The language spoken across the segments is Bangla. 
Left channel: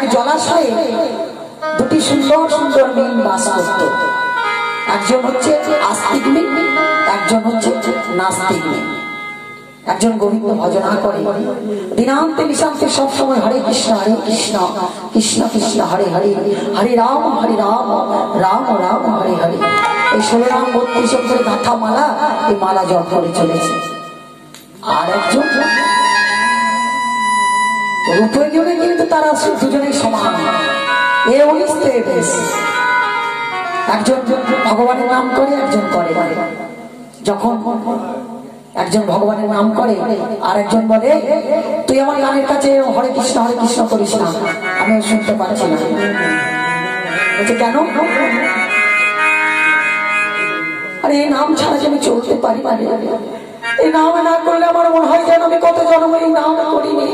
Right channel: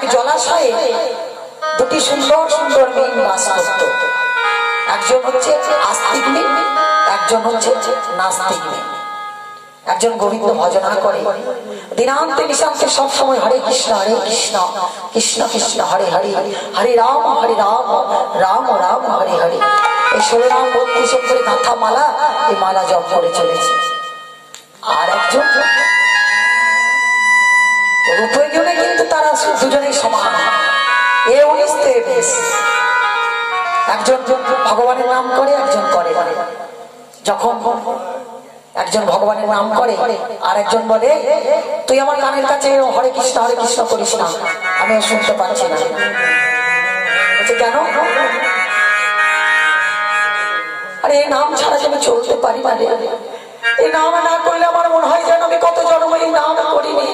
এক জলাশয়ে দুটি সুন্দর সুন্দর মিন বাস করত। একজন হচ্ছে আস্তিক মিন, একজন হচ্ছে নাস্তিক মিন। একজন গোবিন্দ ভজনা করে দিনান্তে নিশান্তে সবসময় হরে কৃষ্ণ কৃষ্ণ কৃষ্ণ হরে হরে, হরে রাম রাম রাম হরে হরে। এই 16 রাম 32 করে গাঁথা মালা, এই মালা জপ করে চলেছে। আর একজন রূপে গুণে কিন্তু তারা দুজনেই সমান, এ 19 তে 20। একজন ভগবানের নাম করে, একজন করে। যখন একজন ভগবানের নাম করে আর একজন বলে তুই আমার গানের কাছে হরে কৃষ্ণ করিস না, আমি শুনতে পাচ্ছি না। বলছে কেন? আরে এই নাম ছাড়া যে আমি চলতে পারি না, এই নাম না করলে আমার মনে হয় যেন আমি কত জন্ম এই নাম করিনি।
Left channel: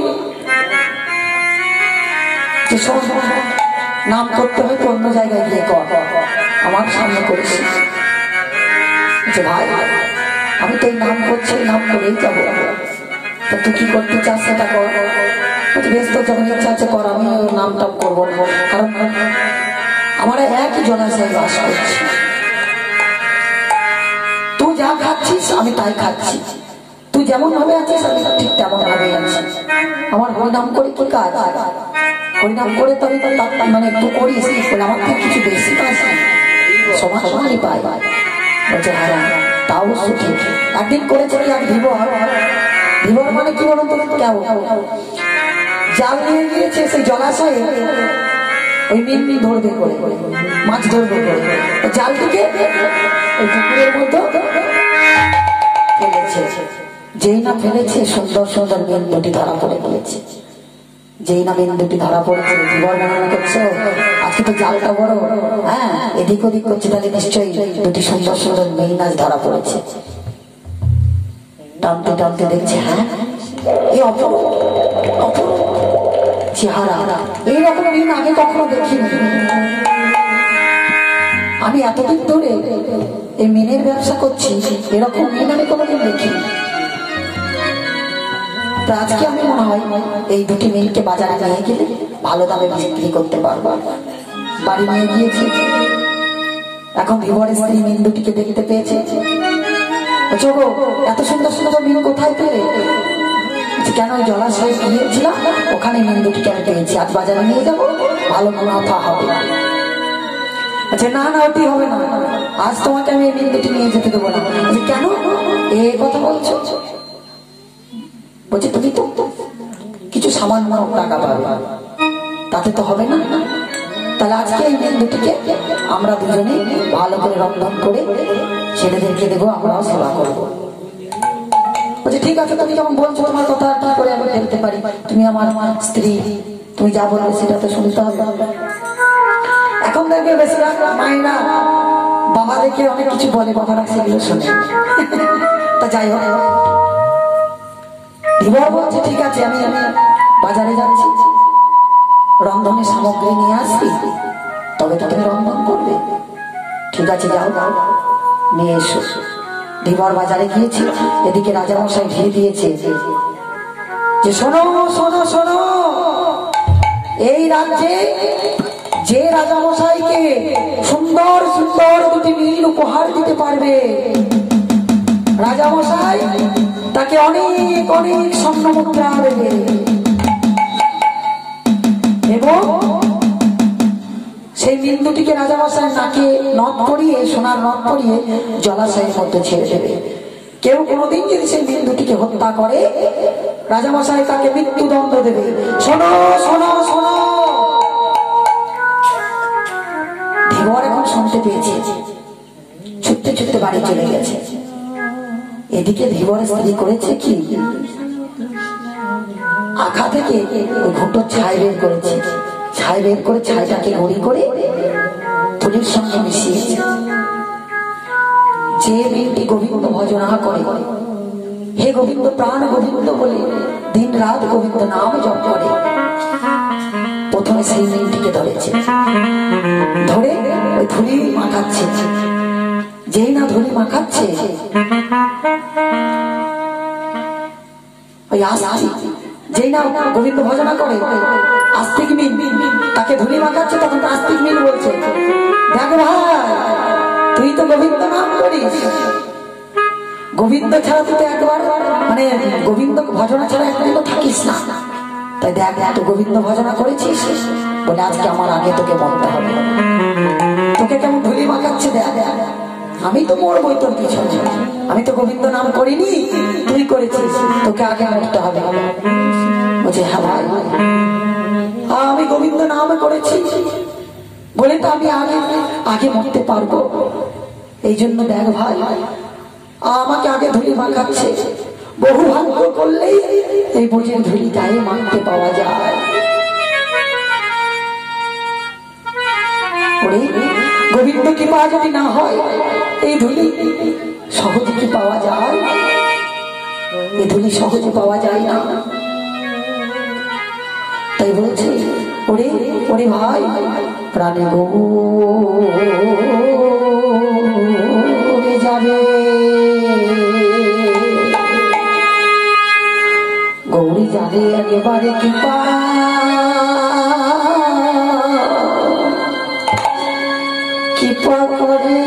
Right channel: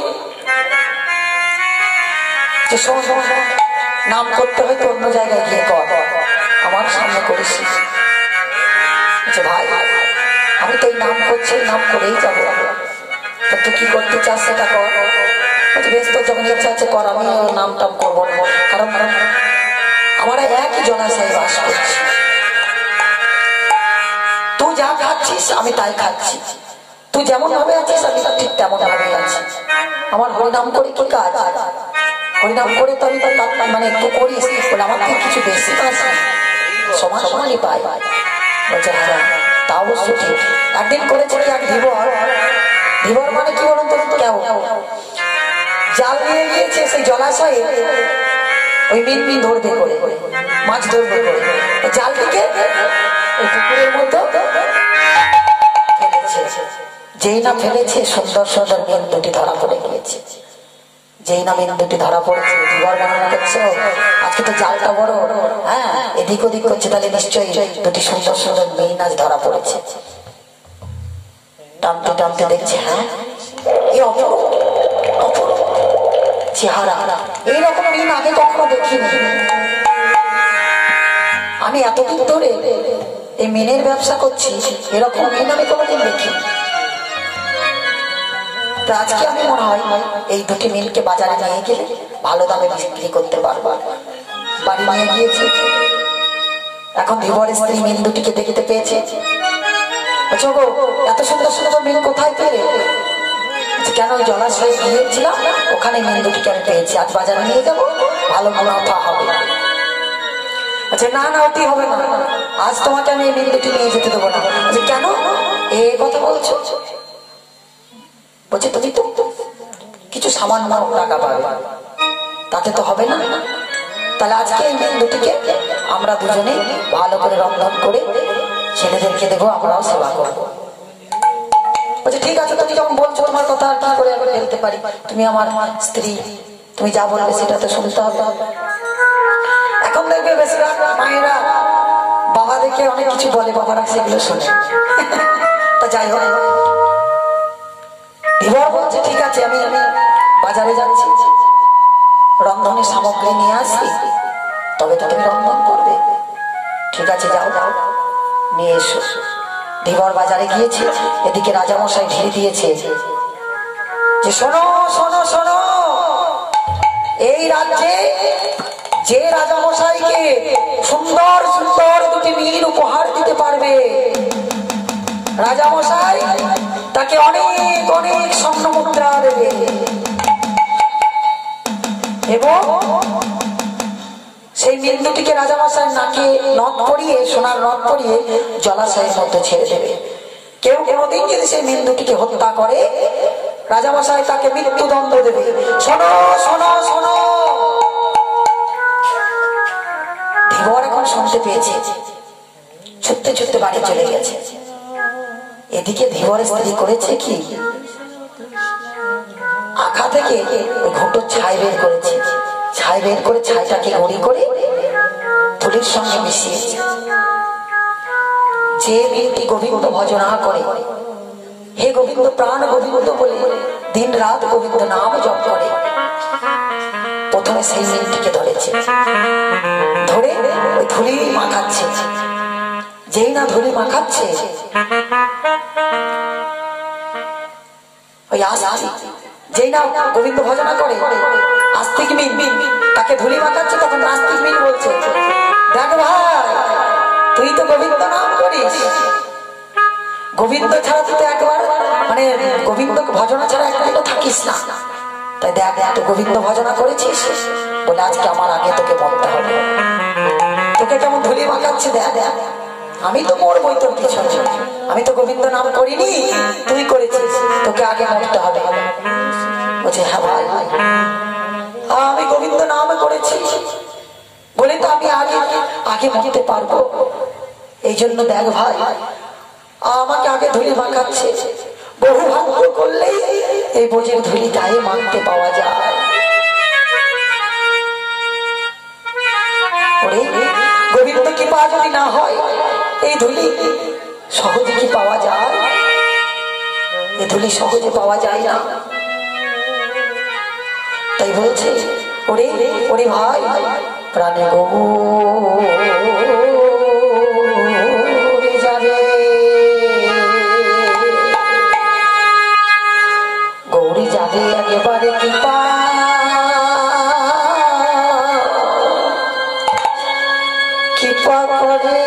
যে শোন, নাম করতে হয়তো অন্য জায়গায় গিয়ে কর, আমার সামনে করিস। ভাই আমি তো এই নাম করছি, নাম করেই যাবো, তা তুই কি করতে চাস সেটা কর। বেশ, তো যখন ইচ্ছা আছে কর, আমি নাম টাম করবো না, কারণ আমার একই জলাশয়ে বাস করছি। তুই যা খাচ্ছিস আমি তাই খাচ্ছি, তুই যেমন ভাবে আছিস আমি ঠিক তেমন ভাবে আছি। আমার হরিনাম করে কি কাজ? হরিনাম করে তো আমি মানে একটু করিস বলে আমার থেকে কিছু বেশি কাজ সমান সমানই পাই। বলছে হ্যাঁ তা অবশ্য ঠিক। একদিন করেছে কি এক ধীবর মানে কি বলুন তো, কেউ জাল নিয়ে গিয়েছে সেই জলাশয়ে, ওই মিন ধরবে করে, মাছ ধরবে করে, জাল থেকে ওই পুকুরের মধ্যে ফেলেছে। যেই না ফেলেছে সুন্দর সুন্দর মিন দুটি ধরা পড়ে গিয়েছে। যেই না মিন দুটি ধরা পড়েছে, ধীবর মনে করছে আজকে তো জালটা বড়, হ্যাঁ এদিক ওদিক করছে, তাহলে নিশ্চয়ই দুটি সুন্দর সুন্দর মিন আজ ধরা পড়েছে। টানতে টানতে দেখছে হ্যাঁ এই অপরূপ চেহারা, এইরকম মিন আগে কখনো দেখিনি। আমি এতদিন ধরে এই মিনের ব্যবসা করছি, এরকম মিন আমি কোনোদিন দেখিনি। আজকে আমি মনে হয় এই দুটি মিনকে বাজারে নিয়ে গেলে ভালো দামে বিক্রি করতে পারবো। বাড়ি নিয়ে গিয়েছে, এখন ধীবরের স্ত্রী মিন দুটিকে দেখতে পেয়েছে। এত সুন্দর সুন্দর মিন কোথায় পেলে? কেন জলাশয়ে গিয়েছিলাম, ওখানে মিন দুটিকে আমি পেয়েছি, আজ বাজারে নিয়ে যাবো, ভালো মুনাফা হবে। আচ্ছা না না ওটি হবে না, আজ তোমাকে আমি এই মিন দুটি নিয়ে যেতে দেবো না। কেন এই কথা বলছো? বলছে তুমি তো কিছু সামান্য টাকা পাবে, তাতে তো হবে না। তাহলে আজকে এই মিন দুটিকে আমরা দুজনে ভালো করে রন্ধন করে ছেলেদেরকে দেবো, আমরাও সেবা করবো। বলছে ঠিক আছে, তুমি যখন বলছো তোমার কথা আর কি করে আমি ফেলতে পারি, তুমি আমার স্ত্রী, তুমি যা বলবে সেটা তো শুনতে হবে। এখন দেখবে বেশিরভাগ মায়েরা বাবা দেখে অনেক কিছু বলে, বাবারা সেগুলো শোনে। তা যাই হোক, ধীবর বলছে ঠিক আছে আমি বাজারে যাচ্ছি, রন্ধনের সামগ্রী নিয়ে আসি, তবে তো তুমি রন্ধন করবে। ঠিক আছে যাও নিয়ে এসো। ধীবর বাজারে গিয়েছে, এদিকে রাজামশাই ঢিল দিয়েছে যে শোনো শোনো শোনো, এই রাজ্যে যে রাজামশাইকে সুন্দর সুন্দর দুটি মিন উপহার দিতে পারবে, রাজামশাই তাকে অনেক অনেক স্বর্ণ মুদ্রা দেবে এবং সেই মিন দুটিকে রাজামশাই নাকে নথ পরিয়ে, সোনার নথ পরিয়ে জলাশয়ের মধ্যে ছেড়ে দেবে। কেউ কোনোদিন যদি সেই মিন দুটিকে হত্যা করে, রাজামশাই তাকে মৃত্যুদণ্ড দেবে। শোনো শোনো শোনো। ধীবর এখন শুনতে পেয়েছে, ছুটতে ছুটতে বাড়ি চলে গেছে। এদিকে ধীবরের স্ত্রী করেছে কি, আখা থেকে ওই ঘুঁটোর ছাই বের করেছে, ছাই বের করে ছাইটাকে গুঁড়ি করে তুলির সঙ্গে মিশিয়েছে। যে ব্যক্তি গোবিন্দ ভজনা করে, হে গোবিন্দ প্রাণ গোবিন্দ বলে দিন রাত গোবিন্দ নাম জপ করে, প্রথমে সেই মিনটিকে ধরেছে, ধরে ওই ধুলি মাখাচ্ছে। যেই না ধুলি মাখাচ্ছে, ওই যেই না গোবিন্দ ভজনা করে আস্তিক মিন তাকে ধুলি মাখাচ্ছে, তখন নাস্তিক মিন বলছে দেখ ভাই তুই তো গোবিন্দ নাম করিস, গোবিন্দ ছাড়া তুই তো একবার মানে গোবিন্দ ভজনা ছাড়া একবার থাকিস না, তাই দেখ তো গোবিন্দ ভজনা করেছিস বলে আজকে আমার আগে তোকে মরতে হবে। তোকে কেমন ধুলি মাখাচ্ছে দেখ, আমি তো মরবই তোর পিছনে, আমি তো গোবিন্দ নাম করিনি, তুই করেছিস, তোকে আগে মরতে হবে। বলছে হ্যাঁ ভাই আমি গোবিন্দ নাম করেছি বলে তো আমি আগে আগে মরতে পারবো, এই জন্য দেখ ভাই আমাকে আগে ধুলি মাখাচ্ছে, বহু ভাগ্য করলেই এই বোঝের ধুলি গায়ে মাখতে পাওয়া যায়। গোবিন্দ কি পাওয়া যদি না হয় এই ধুলি সহজে কি পাওয়া যায়? এই ধুলি সহজে পাওয়া যায় না, তাই বলছে ওরে ওরে ভাই প্রাণে গৌরে যাবে, গৌরী যাবে একেবারে কৃপা কৃপা করে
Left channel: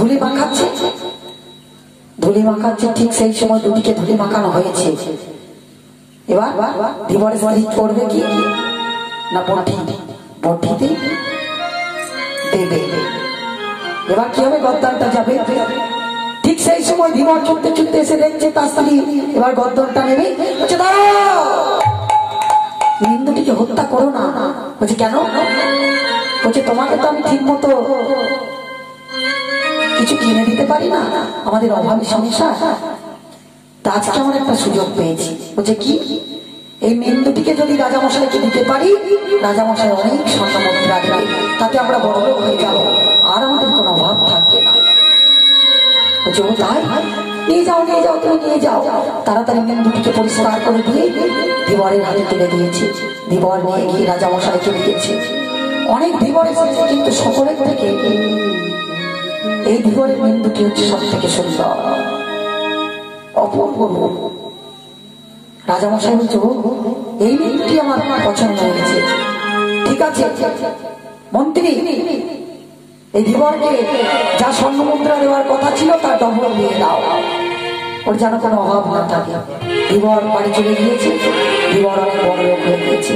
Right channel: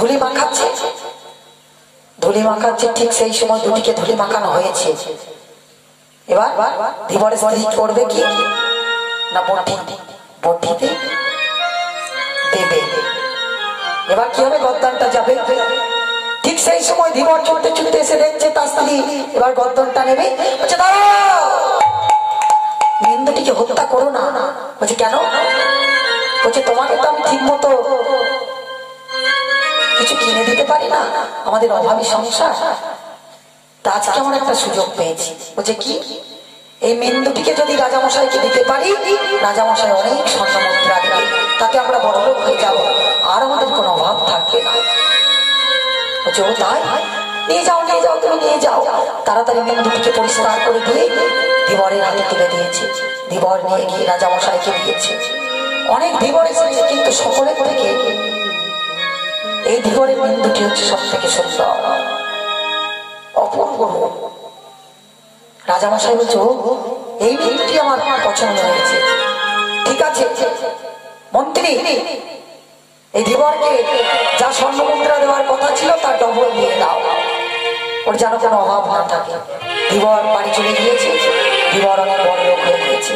ধুলি মাখাচ্ছে, ধুলি মাখাচ্ছে, ঠিক সেই সময় দুটিকে ধুলি মাখানো হয়েছে। এবার ধীবরের স্ত্রী করবে কি না, বটিতে দেবে। এবার কি হবে, গর্দনটা যাবে। ঠিক সেই সময় ধীবর ছুটতে ছুটতে এসে দেখছে তার স্ত্রী এবার গর্দনটা নেবে। বলছে দাঁড়াও, নিন্দুটিকে হত্যা করো না। বলছে কেন? বলছে তোমাকে তো আমি ঠিক মতো কিছু কিনে দিতে পারি না, আমাদের অভাবী সংসার, তা আজকে আমার একটা সুযোগ পেয়েছি। বলছে কি? এই মেন্দুটিকে যদি রাজামশাইকে দিতে পারি, রাজামশাই অনেক স্বর্ণ মুদ্রা দেবে, তাতে আমরা বড়লোক হয়ে যাব, আর আমাদের কোনো অভাব থাকবে না। বলছে ও তাই? নিয়ে যাও নিয়ে যাও, তুমি নিয়ে যাও। তাড়াতাড়ি মেন্দুটিকে পরিষ্কার করে দিয়ে ধীবরের হাতে তুলে দিয়েছে। ধীবর নিয়ে গিয়ে রাজামশাইকে দিয়েছে। অনেক ধীবর এসেছে, কিন্তু সকলের থেকে এই ধীবরের মেন্দুটি হচ্ছে সব থেকে সুন্দর, অপূর্ব। রাজামশাই বলছে এই মেন্দুটি আমার পছন্দ হয়েছে, ঠিক আছে মন্ত্রী, এই ধীবরকে যা স্বর্ণ মুদ্রা দেওয়ার কথা ছিল তার ডবল দিয়ে দাও, ওর যেন কোনো অভাব না থাকে। ধীবর বাড়ি চলে গিয়েছে, ধীবর অনেক বড় লোক হয়ে গিয়েছে।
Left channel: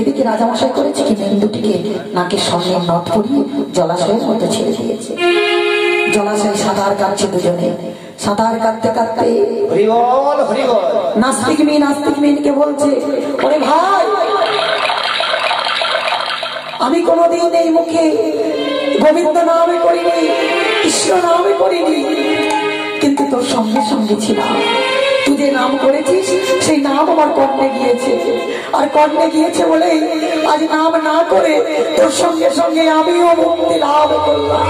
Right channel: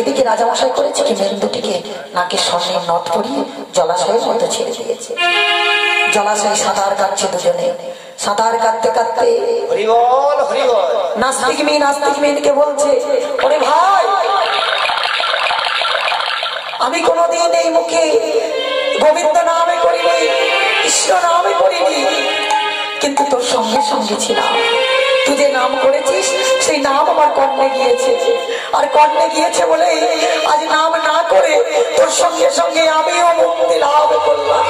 এদিকে রাজামশাই করেছে কি, মেন্দুটিকে নাকে স্বর্ণের নথ পরিয়ে জলাশয়ের মধ্যে ছেড়ে দিয়েছে। জলাশয়ে সাঁতার কাটছে দুজনে। সাঁতার কাটতে কাটতে নাস্তিক মেয়েকে বলছে, ওরে ভাই, আমি কোনোদিন এই মুখে গোবিন্দ নামে করিনি, কৃষ্ণ নামে করিনি, কিন্তু তোর সঙ্গে সঙ্গে ছিলাম। তুই যে নাম করেছিস সেই নাম আমার কর্ণে গিয়েছে, আর কর্ণে গিয়েছে বলে আজ নাম না করে তোর সঙ্গে সঙ্গে আমিও মুক্তি লাভ করলাম।